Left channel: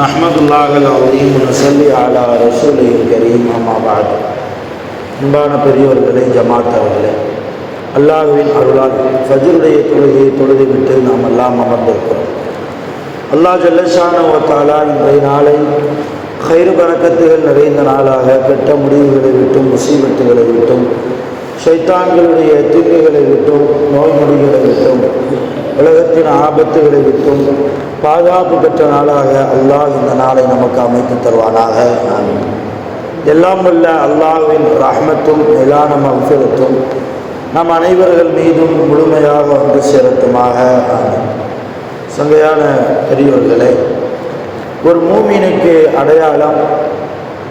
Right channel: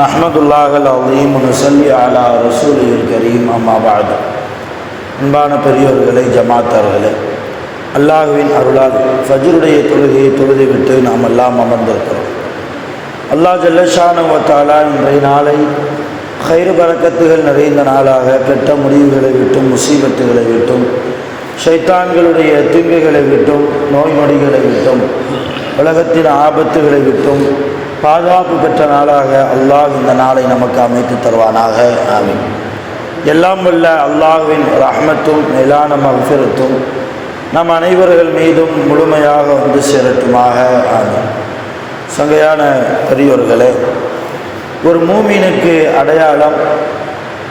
நஹ்மதுல்லாஹில் அலீம் நஸல்லி அலா ரசூலில் கரீம் அம்மா பஅத். அன்பான பெரியோர்களே, ஜமாத்தார்களே, அல்லாஹ்வின் அருளால் ஃபஜ்ருடைய தொழுகையை தொழுதுவிட்டு நாம் எல்லாம் அமர்ந்திருக்கிறோம். அல்லாஹ் ஜல்லஷானஹு வ தஆலா இன்றைய நாளை கைரு பரக்கத்துகள் நிறைந்த நாளாக, கெட்ட முடிவுகளை விட்டும், முசீபத்துகளை விட்டும், ஷைத்தான்களுடைய தீங்குகளை விட்டும், நோய் நொடிகளை விட்டும், உலகத்தின் ஆபத்துகளை விட்டும் பாதுகாப்பு பெற்ற நாளாக அல்லாஹ் இந்த நாளை நமக்கு அமைத்து தருவானாக. ஆமீன். எல்லாம் உள்ள அல்லாஹ்வின் ரஹ்மத்தும் மேலான மக்ஃபிரத்தும் நம் அனைவர்கள் மீதும் முழுமையாக வந்து சேரட்டுமாக. ஆமீன். சங்கையான பெரியோர்களே, ஒரு மூமினுக்கு அடையாளம்,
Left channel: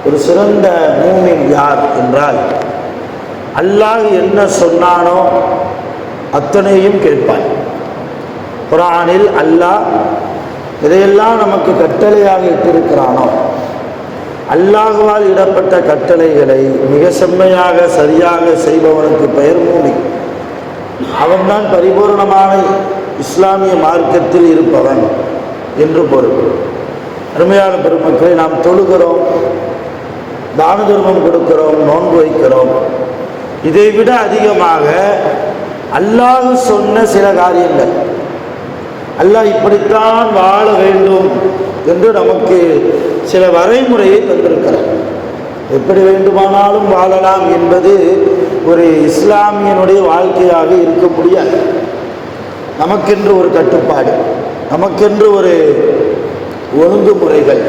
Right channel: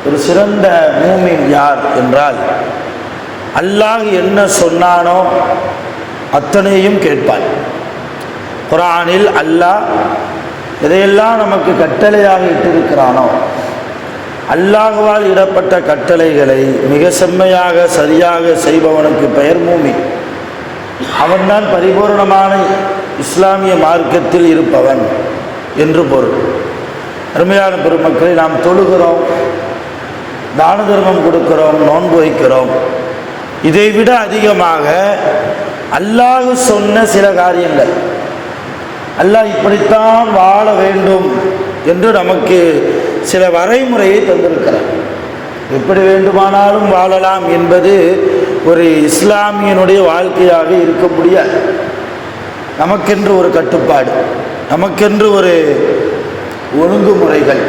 ஒரு சிறந்த மூமின் யார் என்றால், அல்லாஹ் என்ன சொன்னானோ அத்தனையும் கேட்பான். குர்ஆனில் அல்லாஹ் இதையெல்லாம் நமக்கு கட்டளையாக இட்டிருக்கிறானோ, அல்லாஹ்வால் இடப்பட்ட கட்டளைகளை மிக செம்மையாக சரியாக செய்பவனுக்கு பெயர் மூமின். அவன்தான் பரிபூர்ணமான இஸ்லாமிய மார்க்கத்தில் இருப்பவன் என்று பொருள். அருமையான பெருமக்களை, நாம் தொழுகிறோம், தான தர்மம் கொடுக்கிறோம், நோன்பு வைக்கிறோம். இதைவிட அதிகமாக அல்லாஹ் சொன்ன சில காரியங்கள், அல்லாஹ் இப்படித்தான் வாழ வேண்டும் என்று நமக்கு சில வரைமுறையை தந்திருக்கிறார். எப்படி வேண்டுமானாலும் வாழலாம் என்பது ஒரு இஸ்லாமியனுடைய வாழ்க்கையாக இருக்க முடியாது. நமக்கென்று ஒரு கட்டுப்பாடு, நமக்கென்று ஒரு ஒழுங்குமுறைகள்,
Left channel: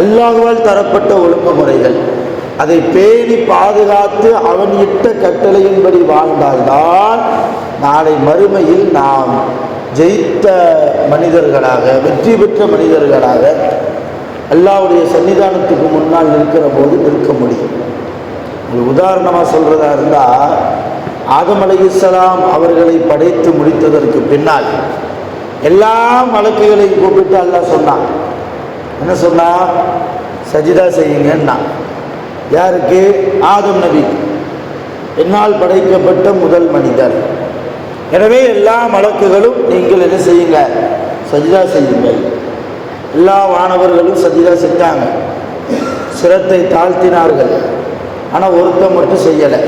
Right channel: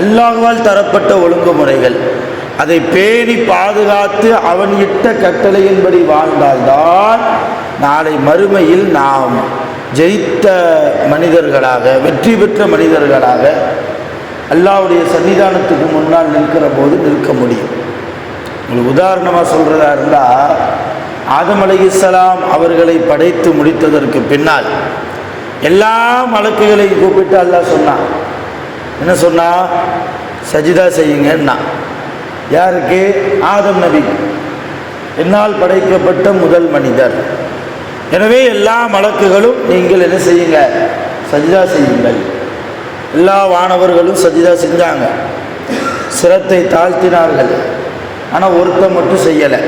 அல்லாஹ்வால் தரப்பட்ட ஒழுங்குமுறைகள், அதை பேணி பாதுகாத்து அவன் இட்ட கட்டளையின்படி வாழ்ந்தால்தான் நாளை மறுமையில் நாம் ஜெயித்த மனிதர்களாக, வெற்றி பெற்ற மனிதர்களாக அல்லாஹ்வுடைய சன்னிதானத்துக்கு முன்னால் நிற்கிற போது நிற்க முடியும். உங்களுக்கு உதாரணமாக சொல்கிறதா இருந்தால், ஆதம் அலைஹிஸ்ஸலாம் அவர்களை படைத்து முடித்ததற்கு பின்னால் எல்லா மலக்குகளையும் கூப்பிட்டு அல்லாஹ் சொன்னான். என்ன சொன்னா? சஜிதா செய்யுங்கன்னா. யாருக்கு? ஆதம் நபி, என்னால் படைக்கப்பட்ட முதல் மனிதர். எனவே எல்லா மலக்குகளும் நீங்கள் என்ன செய்யுங்க? சஜிதா செய்யுங்கள். எல்லா வானவர்களும் சஜிதா செஞ்சாங்க, சிரத்தை தாழ்த்தினார்கள். ஆனால் ஒருத்தன் மட்டும் செய்யலை.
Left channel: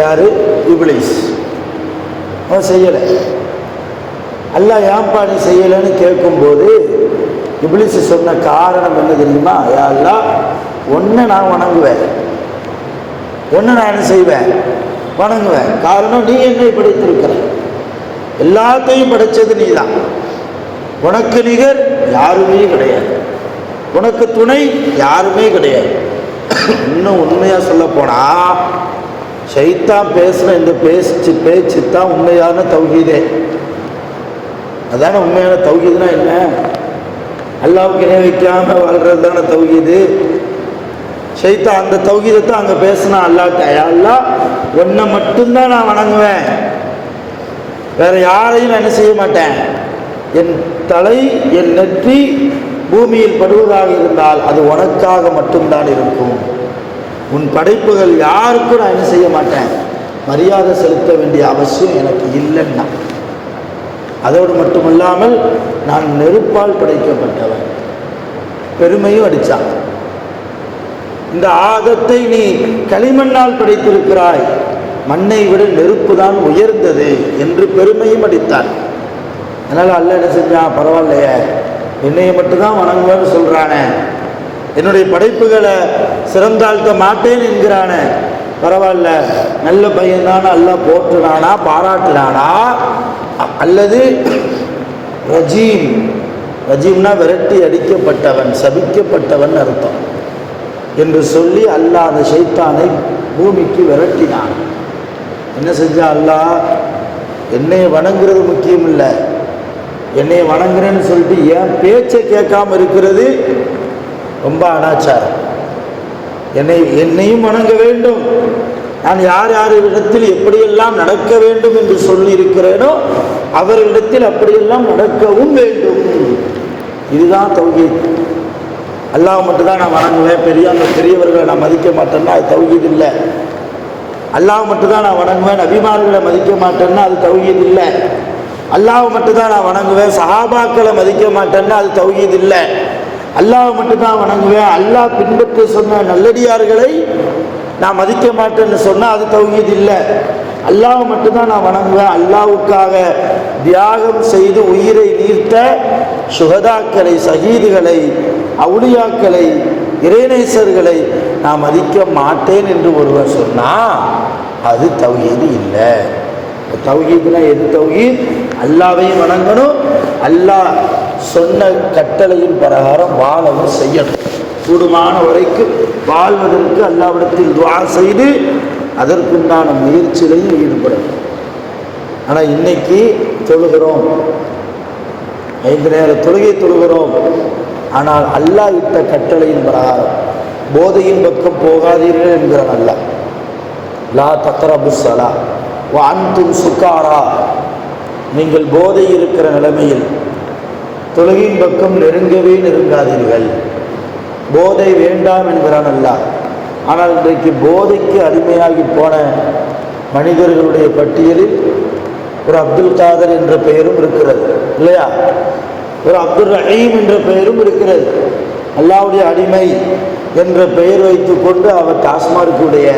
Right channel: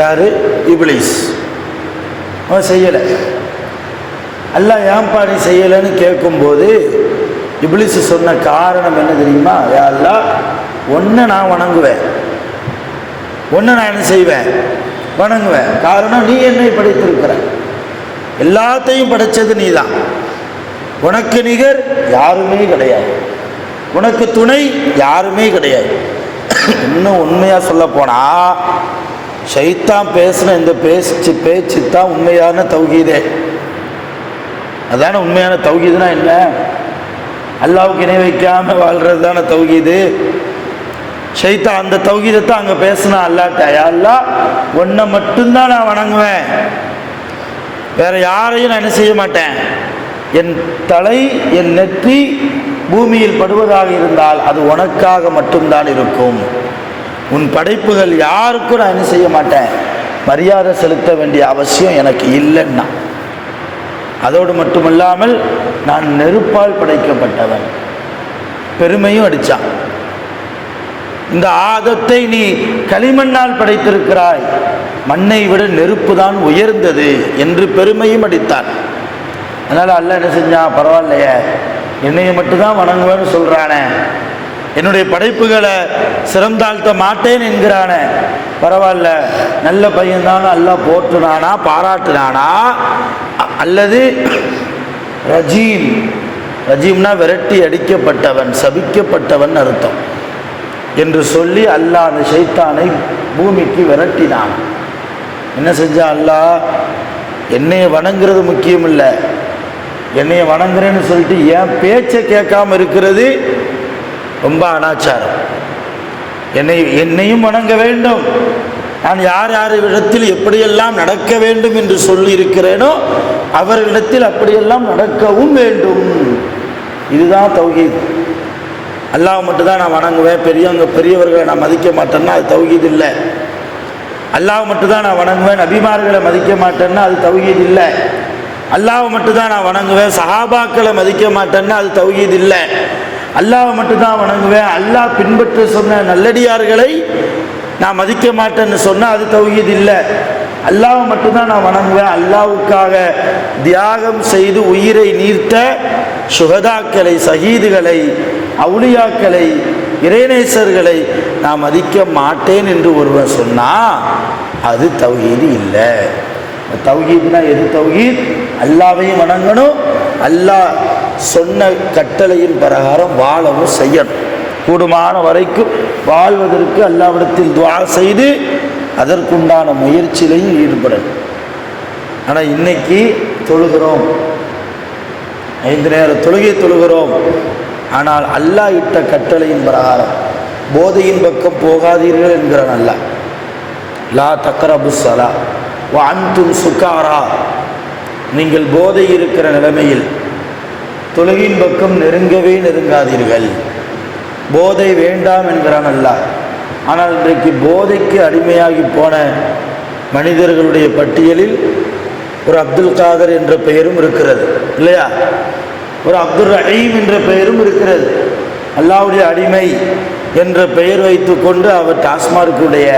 யாரு? இப்லீஸ். அவன் செய்யலை. அல்லாஹ் ஏன்பா நீ செய்யலைன்னு கேட்கும்போது இப்லீஸ் சொன்ன காரணம் என்ன தெரியுமா? யா அல்லாஹ், ஒன்று நான் வணங்குவேன், ஒன்று நான் என்ன செய்வேன்? வணங்குவேன். காரணம், நீ என்னை படைத்திருக்கிற, எல்லாத்தையும் படைச்சது நீ தான், உனக்கு நிகர் யாருமே கிடையாது, உனக்கு துணை யாருமே கிடையாது. இன்னும் உண்மையாக சொல்ல போனா, ஷைத்தான் பேசின இந்த பேச்சு தான் உண்மையான தௌஹீதே. அதான உண்மையான தௌஹீதுனா என்ன? அல்லாஹ்வுக்கு இணை வைக்காம வாழ்றது தானே தௌஹீது. ஷைத்தான் அந்த தௌஹீதத்தை அங்கே பேசினா அல்லாஹ்ட்ட, யா அல்லாஹ், உன்னை மட்டும்தான் நான் வணங்குவேன், வேற யாரையும் என்ன செய்ய மாட்டேன். என் தலை, என் நெற்றி பூமியில் படுவதாக இருந்தால் அது உனக்காக மட்டும்தான் இருக்கும். உன் படைப்புகள் யாருக்கும் நான் என்ன செய்ய மாட்டேன், மரியாதை செலுத்த வேண்டிய அவசியம் எனக்கு இல்லைன்னா. அதோடு மட்டுமில்லாமல் நான் நெருப்பால் படைக்கப்பட்டவன். பெருமையும் அடித்தான். இந்த ஆதத்தை நீ களிமண்ணால் படைத்திருக்கிறாய், மண்ணை விட நெருப்பு தான் உயர்ந்தது என்று பெருமையும் அடித்தான். அதனால் அல்லாஹ் என்ன செஞ்சான்? பரவாயில்லையே, என்னையை மட்டும்தான் வணங்குவேன்னு சொல்கிறானே, என்னுடைய படைப்புகளை சிறந்தாழ்த்த மாட்டேன் என்கிறானே, பரவாயில்ல, நல்ல பையன்தான அல்லாஹ் போற்றுறானா, பாராட்டுறானா? அல்லது ரஜீம், ரஜீம்னா விரட்டி அடிக்கப்பட்டவன், சபிக்கப்பட்டவன் அர்த்தம் என்று சொல்லி அல்லாஹ் அந்த ஷைத்தானை பூமிக்கு விரட்டினான். என்ன செஞ்சா அல்லாஹ்? என்னைய வணங்குறது முக்கியம் இல்லை, என்னைய வணங்குறேன்னு சொல்லிட்டு என் பேச்சை கேட்காம இருக்கிறது ரொம்ப அனாச்சாரம். என்னையும் வணங்க வேண்டும், நான் யார் யார் இடத்தில் எப்படியெல்லாம் நடக்க வேண்டும் என்று சொல்லி இருக்கிறேனோ அவர்களிடத்தில் அப்படியெல்லாம் நடக்கவும் வேண்டும். இதுதான் தௌஹீத். அல்லாஹ் மட்டும்தான் நான் வணங்குவேன், பெரியவர்களை நான் மதிக்க மாட்டேன்னா அது தௌஹீத் இல்லை. அல்லாஹ் மட்டும்தான் நான் வணங்குவேன், நபிமார்களை மதிக்க மாட்டேன்னா அது தௌஹீத் இல்லை. அல்லாஹ் மட்டும்தான் நான் வணங்குவேன், சஹாபாக்களை மதிக்க மாட்டேன்னா அது தௌஹீத் இல்லை. அல்லாஹ் மட்டும்தான் வணங்குவேன், அல்லாஹ் பின்பற்ற சொன்ன நல்லடியார்களை நான் மதிக்க மாட்டேன்னு சொன்னால் அது தௌஹீத் இல்லை. அல்லாஹ் மட்டும்தான் நான் வணங்குவேன், அல்லாஹ்வுக்காக தியாகம் செய்து உயிரை நீர்த்த சுஹதாக்களை, சஹீதுகளை, அவுலியாக்களை, இறைநேசர்களை நான் மதிக்க மாட்டேன் என்று ஒருவர் சொன்னால் அது தௌஹீது இல்லை. தௌஹீத்னா எது தௌஹீத்? அல்லாஹ்வையும் வணங்கணும், அல்லாஹ் சொன்ன கட்டளையின் பிரகாரம் வாழவும் செய்யணும். கூடுமான வரைக்கும் வாழ்வதற்கு அல்லாஹ்விடத்தில் துஆ செய்து அதற்குண்டான முயற்சியிலையும் ஈடுபடணும். ஆனால் இன்னைக்கு தொழுகிறோம், 5 நேர தொழுகை தொழுகிறோம், ஆனால் அல்லாஹ் இட்ட கட்டளையின் பிரகாரம் போதையின் பக்கம் போகாதீர்கள் என்கிறான் அல்லாஹ். லா தக்ரபு ஸலா வ அன்தும் சுகாரா, நீங்கள் போதை இருக்கிற நிலைமையில் தொழுகையின் பக்கம் நெருங்கவே நெருங்காதீர்கள். போதை வேண்டாம் என்கிறான் அல்லாஹ். ஆனால் இன்றைக்கு போதைக்கு அடிமையாகி போன மனிதர்களுடைய பட்டியலில் ஒரு அப்துல் காதர் என்ற பெயரும் இருக்கிறது இல்லையா? ஒரு அப்துல் ரஹீம் என்ற பெயரும் இருக்கிறது. அல்லாஹ்வுடைய அடிமை என்ற பெயர் வைத்து கொண்டு அவர் டாஸ்மார்க்குடைய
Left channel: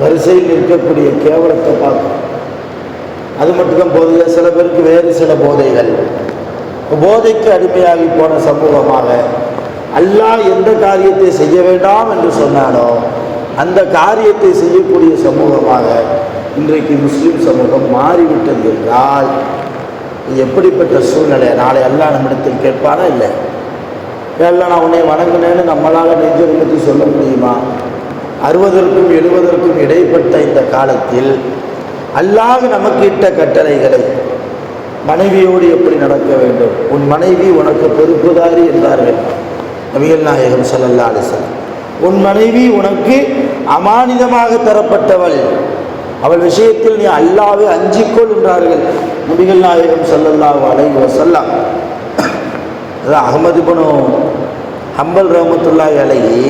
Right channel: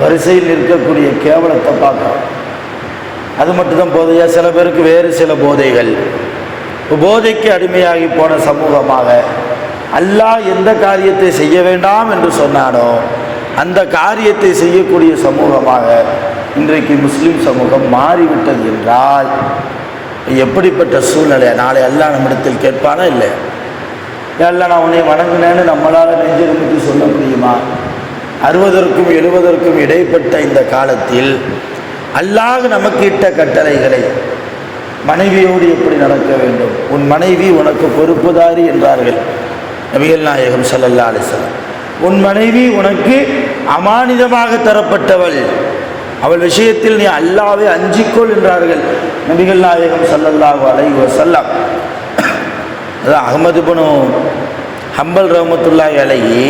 வரிசையில் இருக்கக்கூடிய கேவலத்தை பார்க்கணும். அது மட்டும்தான் போதையா? சில பேருக்கு வேறு சில போதைகள். போதைக்கு அடிமையாகி போன சமூகமாக அல்லாஹ் எந்த காரியத்தை செய்ய வேண்டாம் என்று சொன்னானோ அந்த காரியத்தை செய்யக்கூடிய சமூகமாக இன்றைக்கு முஸ்லீம் சமூகம் மாறிவிட்டது என்றால் எப்படிப்பட்ட சூழ்நிலை? நாளை அல்லாஹ் நம்மிடத்தில் கேட்பானா? இல்லை, எல்லாம் நான் உன்னை வணங்கினேன்னு நம்மளால் நெஞ்சு நிமித்தி சொல்ல முடியுமா? 60க்கும் 70க்கும் இடைப்பட்ட இந்த காலத்தில் அல்லாஹ் நமக்கு இட்ட கட்டளைகளை, மனைவியோடு எப்படி நடக்க வேண்டும், உன் மனைவி உனக்கு பொறுப்புதாரி என்றார்கள் நபிகள் நாயகம் ஸல்லல்லாஹு அலைஹி வஸல்லம். உன் மனைவி உனக்கு அமானிதமாக தரப்பட்டவள், அவள் விஷயத்தில் நீ அல்லாஹ்வை அஞ்சிக்கொள் என்றார்கள் நபிகள் நாயகம் ஸல்லல்லாஹு அலைஹி வஸல்லம். அஹ்மது இப்னு ஹம்பல் ரஹ்மத்துல்லாஹி அலைஹி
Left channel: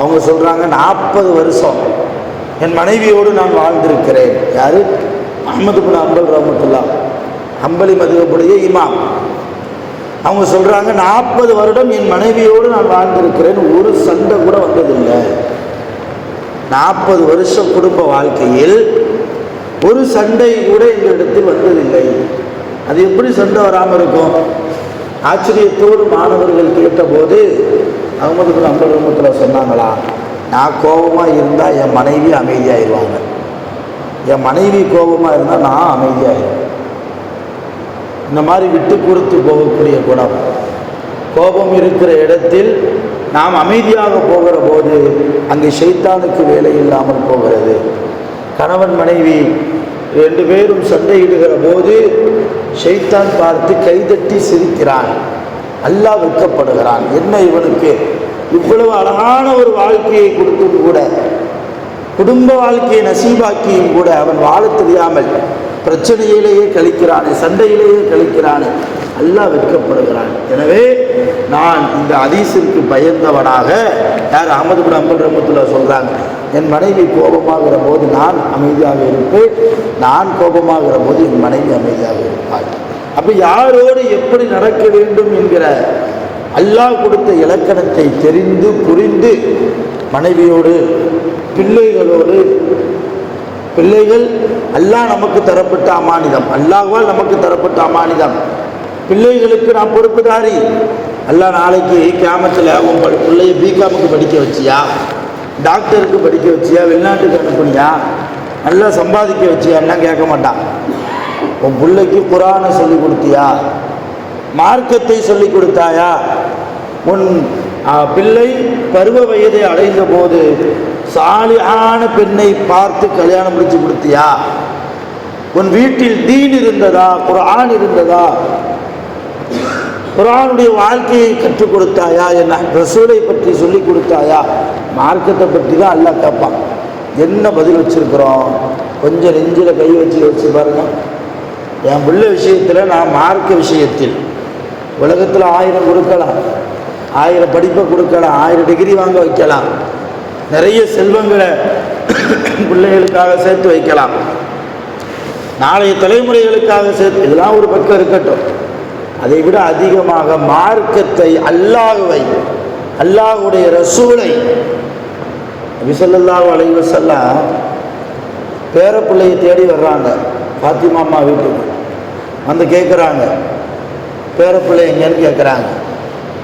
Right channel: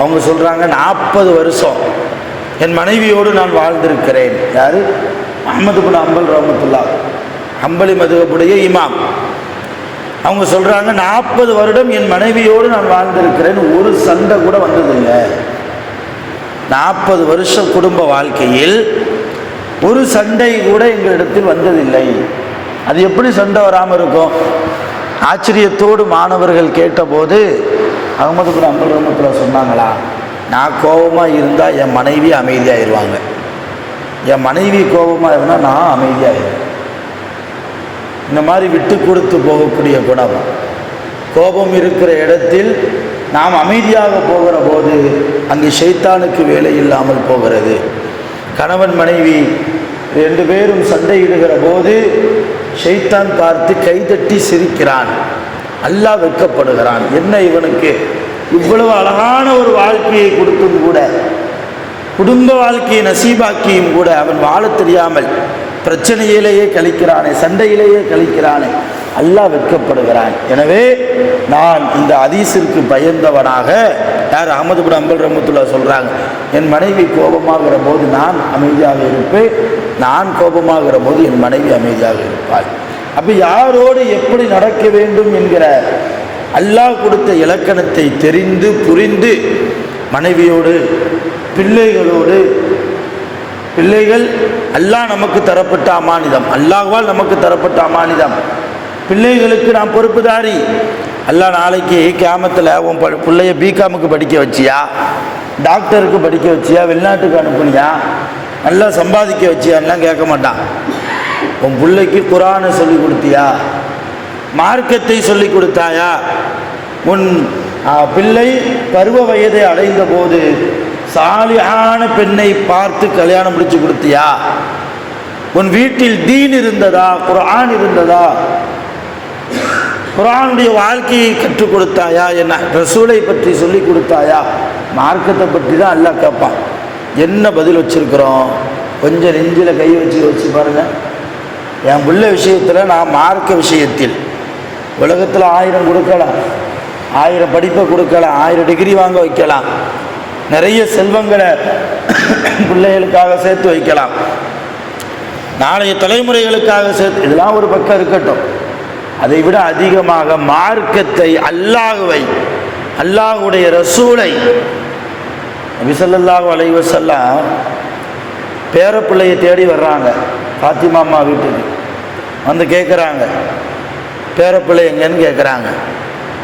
அவங்க சொல்கிறாங்க, 40 வருஷம் என் மனைவியோடு நான் வாழ்ந்திருக்கிறேன். யார்? அஹ்மது இப்னு ஹம்பல் ரஹ்மத்துல்லாஹ், ஹம்பலி மதுஹபுடைய இமாம். அவங்க சொல்கிறாங்க, 40 வருடம் என் மனைவியோடு நான் வாழ்ந்திருக்கிறேன், ஒரு சண்டை கூட வந்ததில்லை. 40 வருஷம் குடும்ப வாழ்க்கையில் ஒரு சண்டை கூட எங்களிடத்தில் வந்ததில்லை. அது எப்படி சண்டை வராமல் இருக்கும்? ஆச்சரியத்தோடு மாணவர்கள் கேட்டபோது அஹ்மது இப்னு ஹம்பல் ரஹ்மத்துல்லாஹ் சொன்னாங்களா, நான் கோபமாக இருந்தால் என் மனைவி அமைதியாகிடுவாங்க, என் மனைவி கோபமாக இருந்தால் நான் அமைதியாகிடுவேன். இந்த மாதிரி விட்டு கொடுத்து போகக்கூடிய குணம். கோபம் இருக்கிற இடத்தில் நாம் அமைதியாக போகிற போது அங்கே ஷைத்தானுக்கு வேலை இல்லாமல் போகிறது. கணவன் மனைவி 2 பேரும் சண்டையிடுகிற போது ஷைத்தான் பார்த்து கைதட்டி சிரிக்கிறான், அல்லாஹ் வெட்கப்படுகிறான். என்ன இவனுக்கு இவ்வளவு அழகான ஒரு வாழ்க்கையை கொடுத்தும் கூட, குடும்ப வாழ்க்கையை நசீபாக்கியும் கூட அவன் வாழ தெரியாமல் பிரச்சனையிலேயே கழிக்கிறானே, சண்டையிலேயே கழிக்கிறானே, அல்லாஹ் வெட்கப்படுகிறான். எனவே நான் இந்த ஹதீஸிற்கு பயந்தவனாக, யார்? அஹ்மது இப்னு ஹம்பல் ரஹ்மத்துல்லாஹ் சொல்கிறாங்க, என் மனைவி கோபமாகிற போது நான் அமைதியாக இருப்பேன், நான் கோபமாகிற போது என் மனைவி அமைதியாக இருப்பாள். அப்போ யாரோடு எப்படி நடக்க வேண்டும் என்கிற அல்லாஹ் கொடுத்த இலக்கணத்தை தெரிந்து புரிந்து மனைவியோடு, பிள்ளைகளோடு, பிள்ளைகள் அல்லாஹ் நமக்கு தரப்பட்ட அமானிதம், அல்லாஹ்வால் நமக்கு தரப்பட்ட அமானிதம். பிள்ளைகளுக்கு நாம் பொறுப்புதாரி. அல்லாஹ் நாளைக்கு கியாமத்தில் உன் பிள்ளைய பிகாமுக்கு படிக்க வச்சியா, டாக்டருக்கு படிக்க வச்சியா, வெளிநாட்டுக்கு அனுப்புனியா, நல்லா சம்பாதிக்க வச்சியான்லாம் கேட்க மாட்டான். உன் பிள்ளைக்கு குர்ஆனை சொல்லி கொடுத்தியா, மார்க்கத்தை சொல்லி கொடுத்தாயா, உன் பிள்ளை பருவ வயதை அடைந்த போது சாலிஹான பெண்ணை பார்த்து கல்யாணம் முடிச்சு கொடுத்தியா, உன் வீட்டில் தீன் இருந்ததா, குர்ஆன் இருந்ததா, குர்ஆனுடைய வாழ்க்கையை கற்றுக் கொடுத்தாயா, என்ன ரசூலை பற்றி சொல்லி கொடுத்தாயா, மார்க்கத்தை பற்றி தான் அல்லாஹ் கேட்பான். என்ன பதில் வச்சிருக்கிறோம்? கொஞ்சம் நெஞ்சில் கை வச்சு பாருங்க. என் பிள்ளை விஷயத்தில், நான் மார்க்க விஷயத்தில் உலகத்தில் 1000 கொடுக்கலாம், 1000 படிப்பை கொடுக்கலாம், 1000 டிகிரி வாங்க வைக்கலாம், நிறைய செல்வங்களை பிள்ளைகளுக்காக சேர்த்து வைக்கலாம், நாளைய தலைமுறைகளுக்காக சேர்த்து, இதெல்லாம் ஒரு பக்கம் இருக்கட்டும். அதை விட அதிகமாக மார்க்கத்தை, அல்லாஹ்வை, அல்லாஹ்வுடைய ரசூலை, நபி ஸல்லல்லாஹு அலைஹி வஸல்லம் பேரப்பிள்ளையை தேடி வர்றாங்க. ஃபாத்திமா அம்மா வீட்டுக்கு வந்து கேட்குறாங்க, பேரப்பிள்ளை எங்கன்னு கேட்குறாங்க.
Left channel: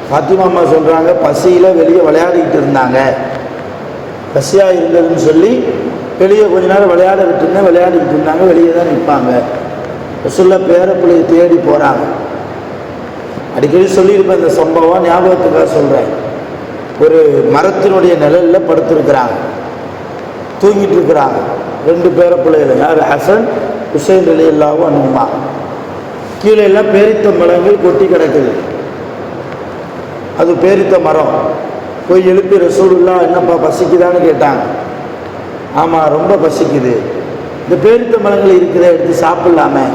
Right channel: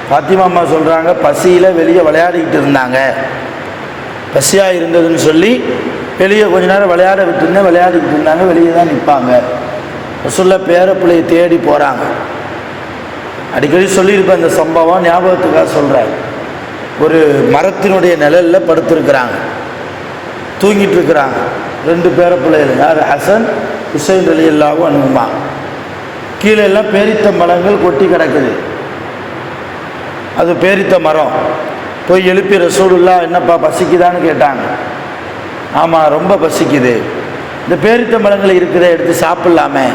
ஃபாத்திமா அம்மா சொல்கிறாங்க, பசியில் வெளியே விளையாடிக்கிட்டு இருந்தாங்க, பசியாக இருந்ததுன்னு சொல்லி வெளியே கொஞ்ச நேரம் விளையாட விட்டுருந்தேன், விளையாடிக்கிட்டு இருந்தாங்க, வெளியே தான் நிற்பாங்க. ரசூலுல்லாஹ் பேரப்பிள்ளையை தேடி போகிறாங்க. அடிக்கடி சொல்லியிருப்பேன் இந்த சம்பவம், ஞாபகத்துக்காக சொல்கிறாங்க. ஒரு மரத்தினுடைய நிழலில் படுத்திருக்கிறாங்க, தூங்கிட்டு இருக்கிறாங்க. 2 பேரப்பிள்ளைகள், யார்? ஹசன் ஹுசைன் ரலியல்லாஹு அன்ஹுமா. கீழே எல்லாம் பேரித்த மரங்கள் கொட்டி கிடக்குது. அது பேரித்த மரம். போய் எழுப்பி ரசூலுல்லாஹ் என்னப்பா பசிக்குதான்னு கேட்டாங்க. ஆமாம் ரொம்ப பசிக்குது, இந்த பேரித்த மரங்கள் இருக்கிற எடுத்து சாப்பிட்லாமே.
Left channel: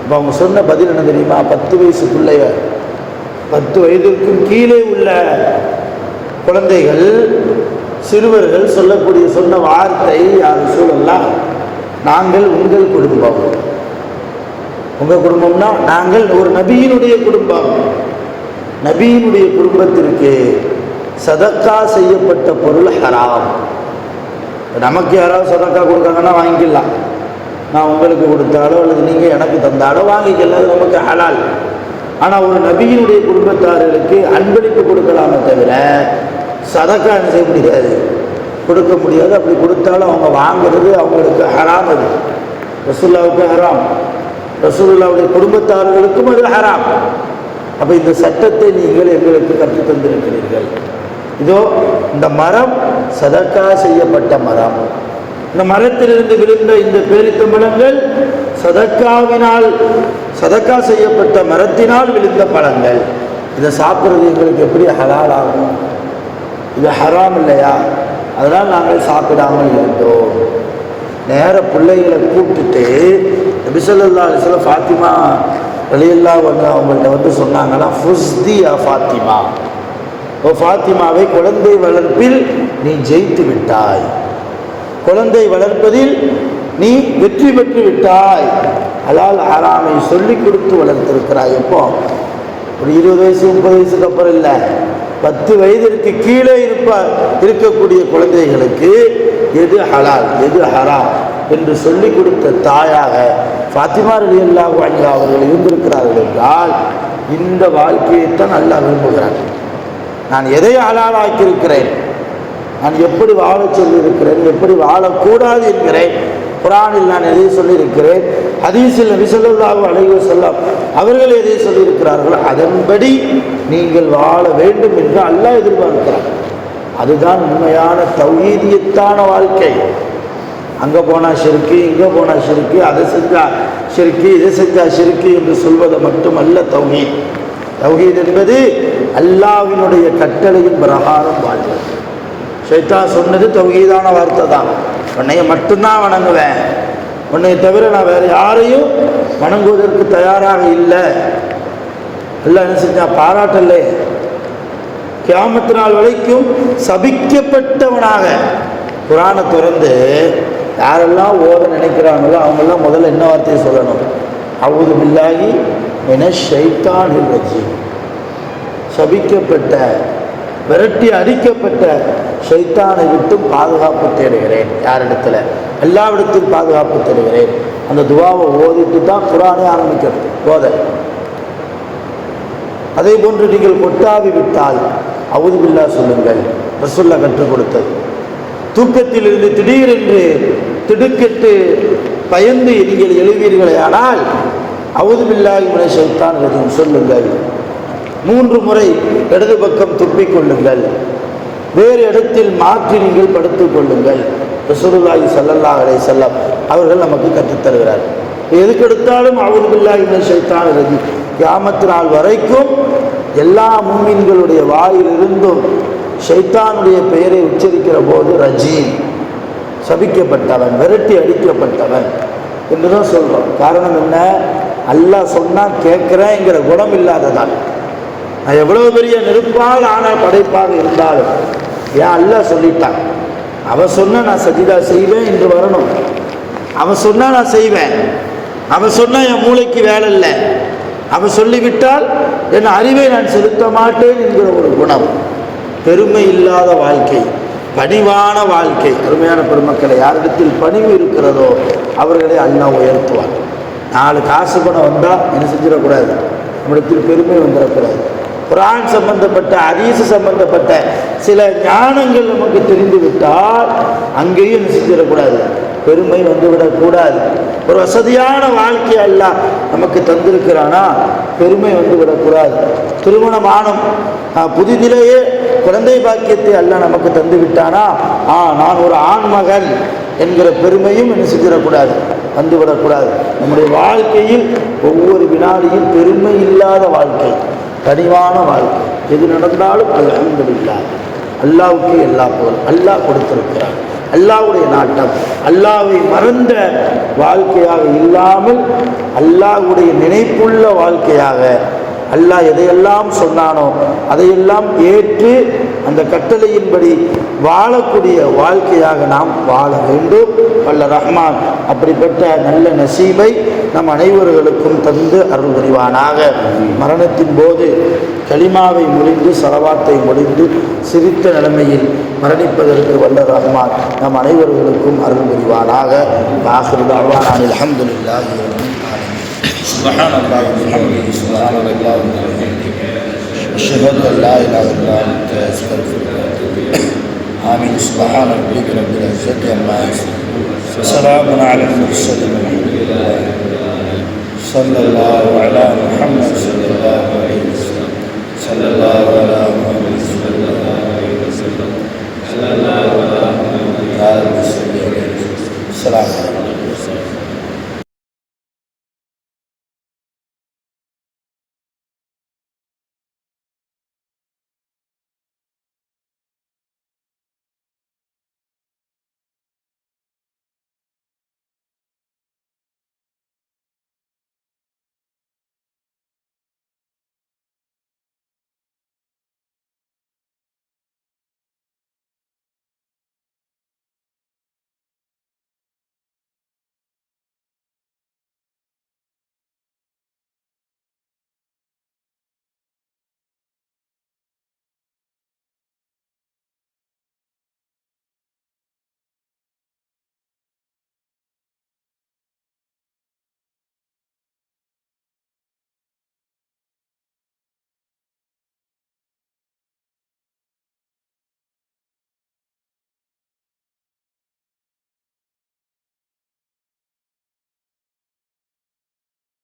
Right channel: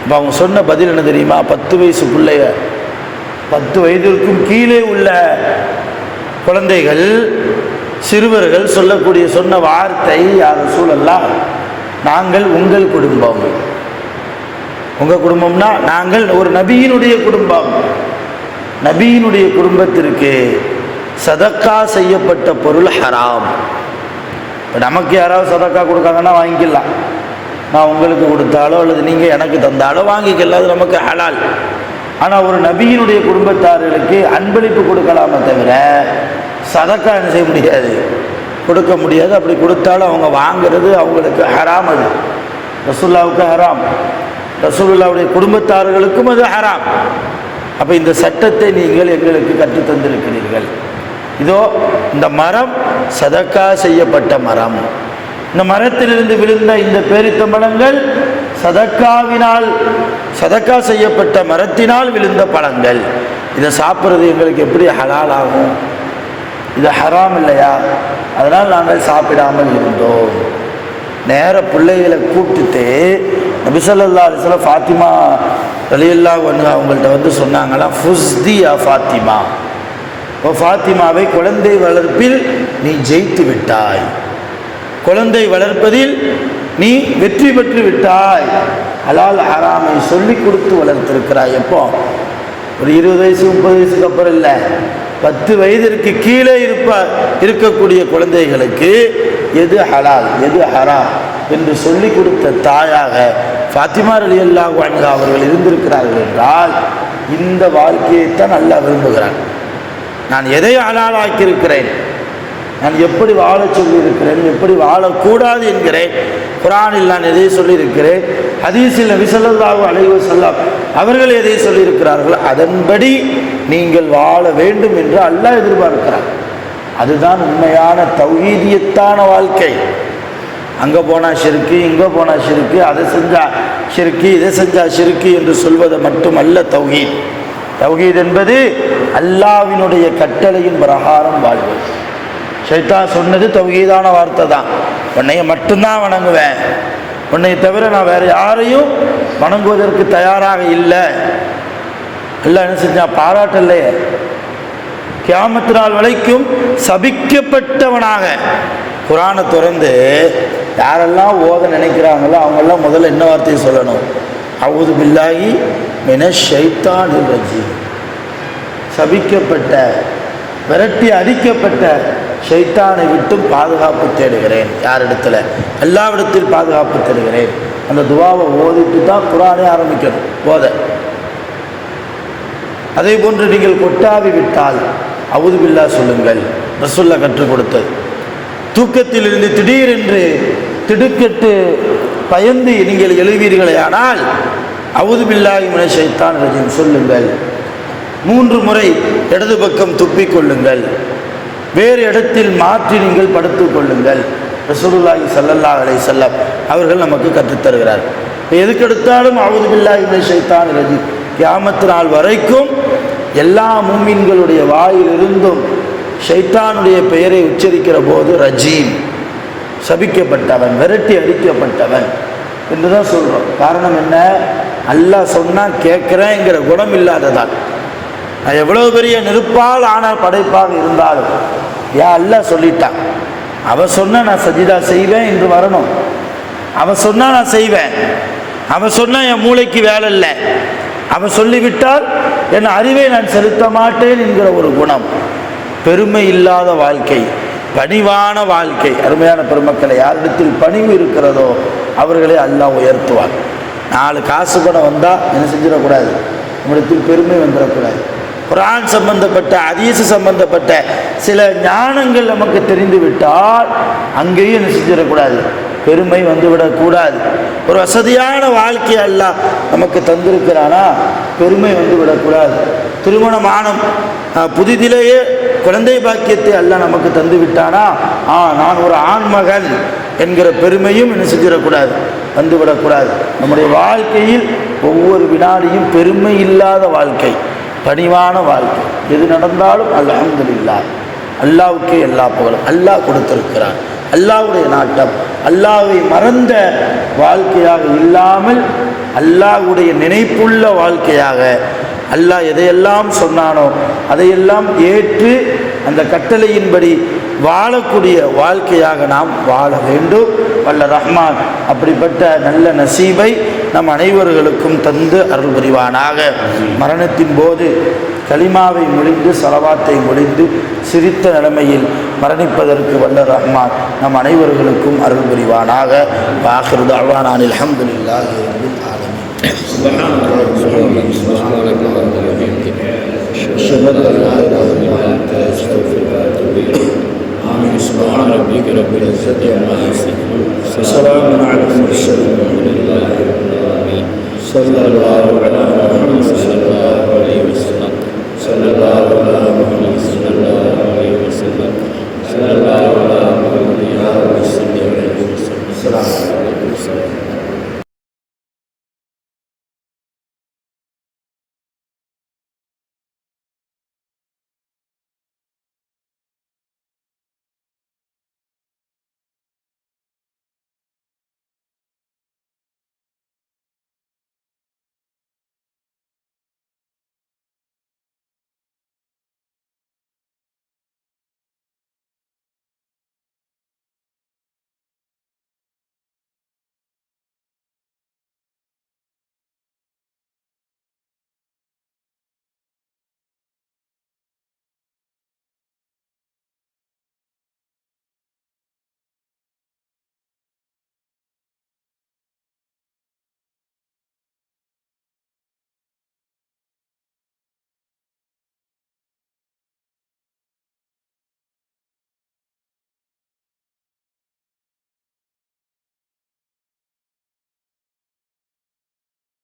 இப்போ அவங்க சொன்ன பதில் என்ன தெரியுமா? 10 வயசுக்குள்ளைய, 10 வயதிற்கும் கீழே உள்ள குழந்தைகள், சிறுவர்கள் சொன்ன வார்த்தை, யார் ரசூலல்லாஹ், நாங்கள் உங்கள் குடும்பம். உங்கள் குடும்பம்னா நாங்கள் ஒரு நபியினுடைய குடும்பம். நபியினுடைய குடும்பத்திற்கு சதக்கா செய்யப்பட்ட பொருள் ஹராம். நமக்கு யாராவது சதக்கா கொடுத்தாங்கன்னா வாங்கிக்கலாம். நான் உங்களுக்கு கொடுத்தாலோ அல்லது நீங்கள் எனக்கு தந்தாலோ வாங்கிக்கலாம், அது நமக்கு ஹலால். ஆனால் ஒரு நபியினுடைய குடும்பத்தார்களுக்கு அன்பளிப்பு கொடுக்கலாமே தவிர சதக்கா என்ன செய்ய முடியாது, கொடுக்க முடியாது. அப்படி கொடுத்தாலும் அவங்க வாங்குறது அவங்களுக்கு ஹராம். அது ரசூலுல்லாஹ்வுக்கு ஹராம், ரசூலுல்லாஹ்வுடைய குடும்பத்தார்களுக்கும் அது ஹராம். அப்போ இந்த சட்டத்தை நீங்கள் எங்களுக்கு கற்றுத் தந்திருக்கிறீர்கள். இதோ இந்த மரம் சதக்கா செய்யப்பட்ட மரம். இந்த மரத்திலிருந்து விழுந்த இந்த பேரித்த பழங்கள் சதக்கா செய்யப்பட்ட மரத்தினால் விழுந்த பழங்கள். இதை சாப்பிட்றது எங்களுக்கு எப்படி ஹலால் ஆகும்? இது ஹராம் இல்லையா? அதனால் நாங்கள் சாப்பிடாமல் இருந்தோம். நேர பிள்ளைகளை கூப்பிட்டுட்டு நபி ஸல்லல்லாஹு அலைஹி வஸல்லம் ஃபாத்திமா ரலியல்லாஹு அன்ஹா அவங்கள்ட்ட வந்து சொன்னாங்களா, ஃபுஸ்தி யா ஃபாத்திமா, ஓ ஃபாத்திமாவை, குழந்தை வளர்ப்பில் நீ ஜெயித்து விட்டாய், குழந்தை வளர்ப்பதில் நீ வெற்றி பெற்று விட்டாய். ஹலால் ஹராமை சொல்லி கொடுத்து வளர்த்திருக்கிறாய். எப்போ? ஒரு 20 வயசு 30 வயசுக்கு அப்புறம் இல்லை, 10 வயதிற்கு கீழே இருக்கக்கூடிய குழந்தைகளுக்கு எது ஹலால் எது ஹராம் என்று சொல்லி கொடுத்த தாயாக ஃபாத்திமா ரலியல்லாஹு அன்ஹா அவர்கள் இருந்திருக்கிறார்கள் என்றால் இந்த வாழ்க்கையைத்தான் அல்லாஹ் விரும்புகிறார். நான் எதை ஹலாலாக்கியிருக்கிறேன், நான் எப்படி வாழ சொல்லியிருக்கிறேன், எப்படி வாழக்கூடாது என்கிறேன். குர்ஆனில் நான் எதை சொல்லியிருக்கிறேன், ஹதீஸில் நபி ஸல்லல்லாஹு அலைஹி வஸல்லம் அவர்கள் எதை சொல்லியிருக்கிறார்கள், அதன்படி நீங்கள் வாழ வேண்டும் என்று அல்லாஹ் எதிர்பார்க்கிறார். அதுதான் உண்மையான தௌஹீதியத்தான வாழ்க்கை. அங்கே போனால் ஷிர்க்கு, இங்கே போனால் ஷிர்க்கு, அதை செஞ்சால் ஷிர்க்கு, இதை செஞ்சால் ஷிர்க்கு என்று சொல்வது மட்டுமல்ல தௌஹீத். தௌஹீத் என்பது அல்லாஹ்வினுடைய கட்டளையின் பிரகாரம் வாழ்வு. ஷைத்தான் சொன்னது தௌஹீதான வார்த்தை தான். உன்னைய மட்டும்தான் வணங்குவேன், உன்னை தவிர நான் வேறு யாரையும் வணங்குவதற்கு தயாராக இல்லை. எல்லாம் என்ன செஞ்சான்? பாராட்டல்லே. கியாமத் நாள் வரைக்கும் சபிக்கப்பட்டவனாக குர்ஆனை திறந்து யாரெல்லாம் ஓத நினைக்கிறாங்களோ அவங்கெல்லாம் முதல்ல என்ன வார்த்தையை சொல்லணும்? அஊது பில்லாஹி மினஷ் ஷைத்தானிர் ரஜீம். சபிக்கப்பட்ட, விரட்டி அடிக்கப்பட்ட ஷைத்தானை விட்டு பாதுகாப்பு தேடுகிறேன். யாரிடத்துல? எல்லாவிடத்தில் பாதுகாப்பு தேடுகிறேன். அந்த துவாவை ஓதிட்டு தான் குர்ஆனை ஆரம்பிக்கணும் ஓத. அதே போன்று நீங்கள் கொட்டாவி விட்டால் அஊது பில்லாஹ் சொல்லுங்கள். ரசூலுல்லாஹ் கற்றுக் கொடுத்தது. தூக்கத்திலிருந்து திடீரென்று திடுக்கிட்டு பயந்து நீங்கள் எழுவீர்களே ஆனால் அஊது பில்லாஹி மினஷ் ஷைத்தானிர் ரஜீம் சொல்லுங்கள். 3 முறை இடது பக்கம் துப்பிக் கொள்ளுங்கள், வேறு இடத்தில் மாற்றி நீங்கள் படுத்துக் கொள்ளுங்கள். ரசூலுல்லாஹி ஸல்லல்லாஹு அலைஹி வஸல்லம் அவர்கள் நமக்கு கற்றுத்தருகிறார். எதுக்கெடுத்தாலும் அஊது பில்லாஹி மினஷ் ஷைத்தானிர் ரஜீம். கியாமத் நாள் வரைக்கும் எல்லா முஃமின்களுடைய வாயிலிருந்தும் ஷைத்தானுடைய பெயரை உச்சரிக்கிற போது ரஜீம், சபிக்கப்பட்டவன், விரட்டி அடிக்கப்பட்டவன் என்றுதான் சொல்றோம். காரணம் என்ன? அல்லாஹ் சொன்னால் கேட்கிறேங்கிற குணம் இல்லாததான். நான் எவ்வளவு பெரிய நெருப்பால் ஆன படைப்பாக இருந்தாலும் ஏன் அல்லாஹ் சொல்லிட்டான். அவன் சொன்னா நான் சஜிதா செய்வேன் என்று வரணும். அவன் சொன்னா நான் செய்வேன். அவன் சொன்னா என் மூளைக்கு வேலை இல்லை. அவன் சொல்லிவிட்டால் என் அறிவை நான் செலுத்த மாட்டேன் என்கிற ஒரு குணம். பெருமை இல்லாத வாழ்க்கை, பணிவான வாழ்க்கை. அருமையான பெருமக்களை, யாரிடத்தில் பணிவு இருக்கிறதோ அவர்களை அல்லாஹ் உயர்த்துவார். 4 காசு பணம் வந்தால் என்ன செஞ்சிடக்கூடாது, நம்மிடத்தில் பெருமை வந்துடக்கூடாது. குர்ஆன் சம்பந்தப்பட்ட ஹதீஸ் சம்பந்தப்பட்ட சில ஞானங்கள் நமக்கு தெரிந்து விட்டால் அங்கேயும் என்ன செஞ்சிடக்கூடாது, பெருமை வந்துவிடக்கூடாது. ஒரு வசதியான வாழ்க்கை அல்லாஹ் நமக்கு தந்திருக்கிறானா பெருமை வந்துவிடக்கூடாது. திருமணமான புதிதிலேயே குழந்தை பாக்கியத்தை அல்லாஹ் நமக்கு தந்து விட்டானா நான் ஒரு ஆண்மகன் என்கிற பெருமையும் என்ன செஞ்சிடக்கூடாது, வந்துவிடக்கூடாது. நம்முடைய வாழ்க்கையில் ஒவ்வொரு வினாடியும் பெருமை இல்லாத வாழ்க்கை, பணிவான வாழ்க்கை. எது நடந்தாலும் அல்ஹம்துலில்லாஹ், அல்லாஹ்வுக்கு எல்லா புகழும். அல்லாஹ் கொடுத்திருக்கிறான், அல்லாஹ்வுடைய நாட்டம். அல்லாஹ்வை மறந்த வாழ்க்கையாக இல்லாமல் அல்லாஹ்வுடைய நினைப்புள்ள வாழ்க்கையாக, அல்லாஹ் எதையெல்லாம் சொன்னானோ அதையெல்லாம் ஏற்று அந்த கட்டளையின்படி வாழக்கூடிய வாழ்க்கையாக நாம் வாழ வேண்டும். வல்ல ரஹ்மான் அப்படிப்பட்ட நல்ல நசீபை நம் அனைவர்களுக்கும் தந்து அருள் புரிவானாக. மரணத்தின் போது கலிமாவை முடிந்து ஸலவாத்தை முடிந்து சிரித்த நிலைமையில் மரணிப்பதற்கு வல்ல ரஹ்மான் நம் அனைவர்களுக்கும் அருள் புரிவானாக. ஆகிரு தஅவானா அல்ஹம்துலில்லாஹி ரப்பில் ஆலமீன். சுப்ஹானல்லாஹி வ பிஹம்திஹி சுப்ஹானல்லாஹி வ பிஹம்திஹி அஷ்ஹது அன் லா இலாஹா இல்லா அன்த அஸ்தக்ஃபிருக வ அத்தூபு இலைக். ஆமீன். சுப்ஹான ரப்பிக ரப்பில் இஸ்ஸத்தி அம்மா யசிஃபூன் வ ஸலாமுன் அலல் முர்ஸலீன் வல்ஹம்துலில்லாஹி ரப்பில் ஆலமீன். ஸல்லல்லாஹு அலா முஹம்மத்.